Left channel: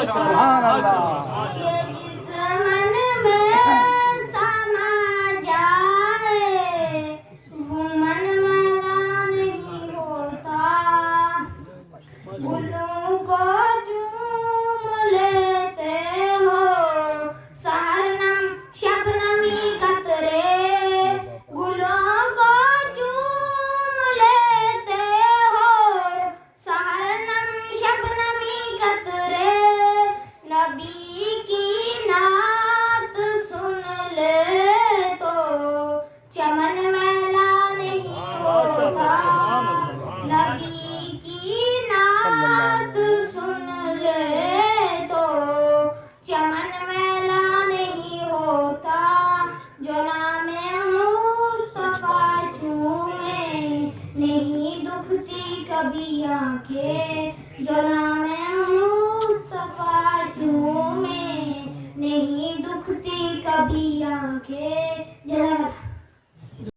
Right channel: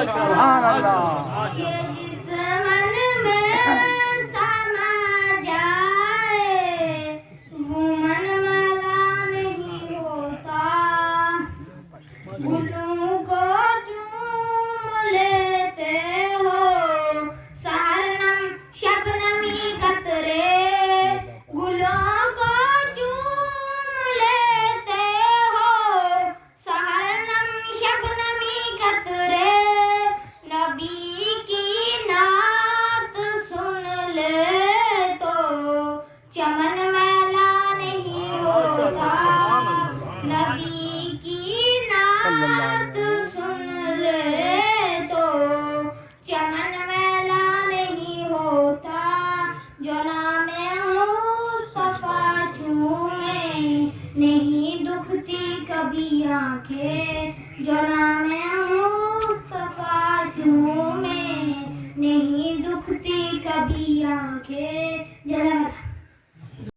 सुभान अल्लाह। ये जिस मन में समा जाए वो मन वाला नहीं होता। गुलों को चूम लेते हो शबनम शबनमी कतरे, गुलों को चूम लेते हो शबनम शबनमी कतरे। नबी की नात सुन ले तो चमन मैला नहीं होता। नबी की नात सुन ले तो चमन मैला नहीं होता। जोला में मुस्तफा चूमे नहीं दुखती कभी आंखें। जोला में मुस्तफा चूमे नहीं दुखती कभी आंखें।